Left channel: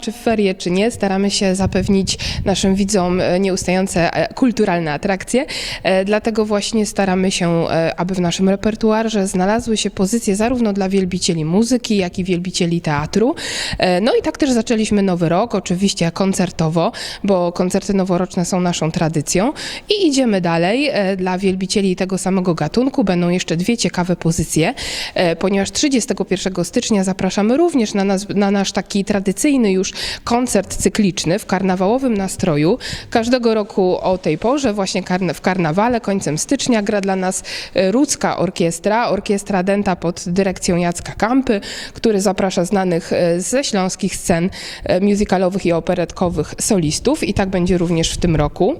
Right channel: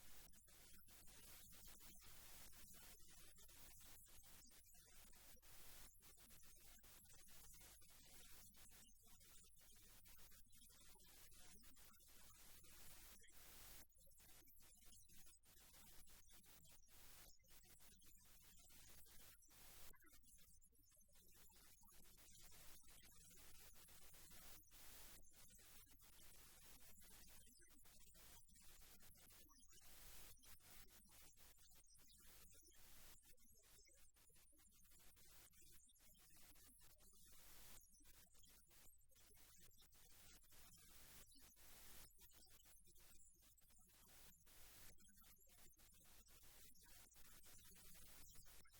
czy w ferie, czy nie, staramy się zapewnić naszym widzom e, nieustające e, kulturalne atrakcje. E, Dlatego właśnie staramy się, aby w naszym repertuarze znalazły się pozycje zarówno dla wielbicieli muzyki, jak i wielbicieli teatru. No i tak też zaczęliśmy nowy rok, oczywiście koncertowo, bo koncerty noworoczne są naszą tradycją. I idziemy dalej. Dla wielbicieli tego samego gatunku będą jeszcze dwie ciekawe pozycje, ponieważ 31 stycznia zapraszamy również na, nas, na nasz taki tradycyjny już koncert cykliczny w karnawałowym nastroju. Każdego roku o tej porze, właśnie w karnawale, końcem stycznia, gra dla nas e, Rudzka Orkiestra, orkiestra Denta pod dyrekcją Jacka Kampy, który zaprasza znanych e, ze śląskich scen e, musicalowych i operetkowych solistów i tak będzie również w tym roku.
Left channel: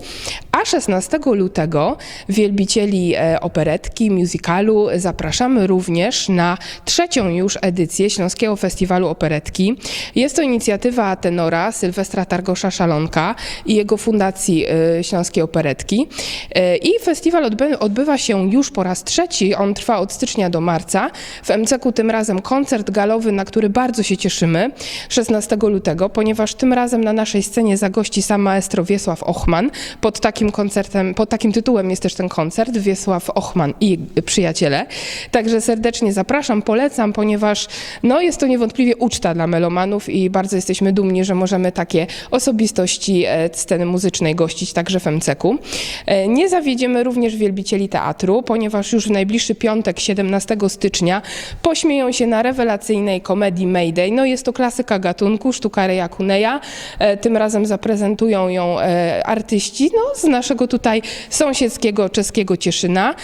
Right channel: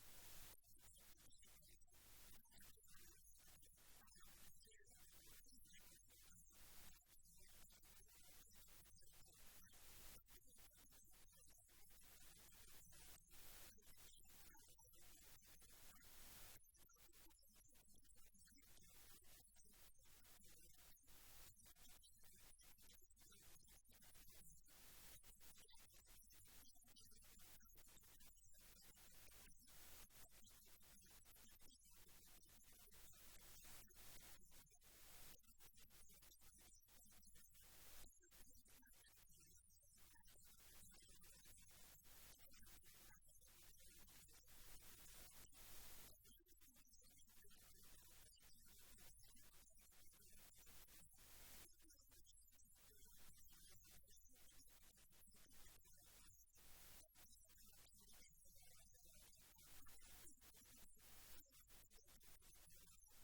A 16 lutego wielbicieli operetki, musicalu zapraszamy również na trzecią już edycję Śląskiego Festiwalu Operetki. Jest to inicjatywa tenora Sylwestra Targosza-Szalonka i jego Fundacji e, Śląskiej Operetki. E, I festiwal odby- odbywa się już po raz trzeci. On trwa od stycznia do marca. W MCK tym razem koncert galowy, na który bardzo się cieszymy 16 lutego, ponieważ tym razem na naszej scenie zagości sam maestro Wiesław Ochman. Pod takim koncertem, pod takim tytułem jest też ten koncert Wiesław Ochman i przyjaciele. Także serdecznie zapraszam, polecam, ponieważ no, jest to niewątpliwie uczta dla melomanów i bardzo jesteśmy dumni, że możemy takie osobistości e, sceny muzycznej gościć także w MCK-u. E, Nie zawiedziemy również wielbicieli teatru, ponieważ już w najbliższy piątek, 17 stycznia, pośmieją się na rewelacyjnej komedii Mayday. No jest to klasyka gatunku, sztuka Reja Kuneja. E, Tym razem zaprezentują ją artyści no, z naszego tutaj sąsiedzkiego czeskiego Cieszyna.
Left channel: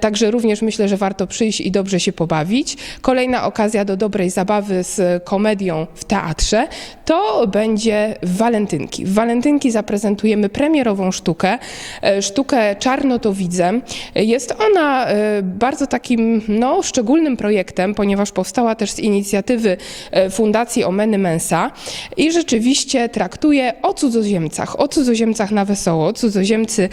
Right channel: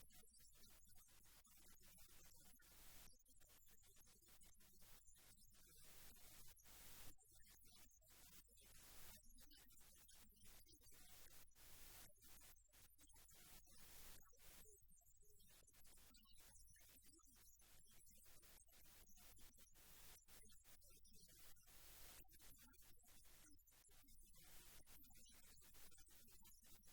Także również myślę, że warto przyjść i dobrze się pobawić. Kolejna okazja do dobrej zabawy z komedią w teatrze to będzie Walentynki. W Walentynki zaprezentujemy premierową sztukę, e, sztukę Czarno to widzę. Jest ona e, bardzo takim no, szczególnym projektem, ponieważ powstała też z inicjatywy e, Fundacji Omeny Mensa i rzeczywiście traktuje o cudzoziemcach, o cudzoziemcach na wesoło. Cudzoziemcy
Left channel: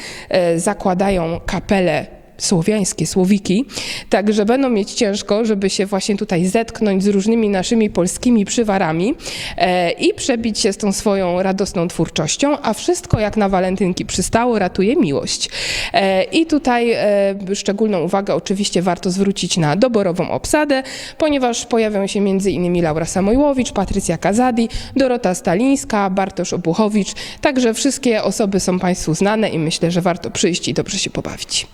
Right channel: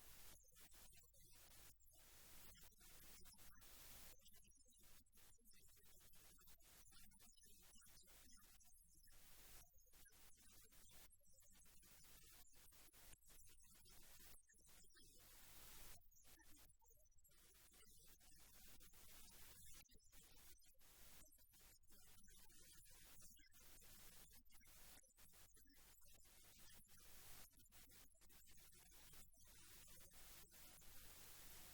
zakładają kapelę słowiańskie, słowiki, także będą mieć ciężko, żeby się właśnie tutaj zetknąć z różnymi naszymi polskimi przywarami e, i przebić się z tą swoją radosną twórczością, a wszystko jak na walentynki przystało, ratuje miłość. E, I tutaj e, szczególną uwagę oczywiście warto zwrócić na doborową obsadę, ponieważ pojawią się m.in. Laura Samojłowicz, Patrycja Kazadi, Dorota Stalińska, Bartosz Obuchowicz, także wszystkie osoby są Państwu znane i myślę, że warto przyjść i dobrze się pobawić.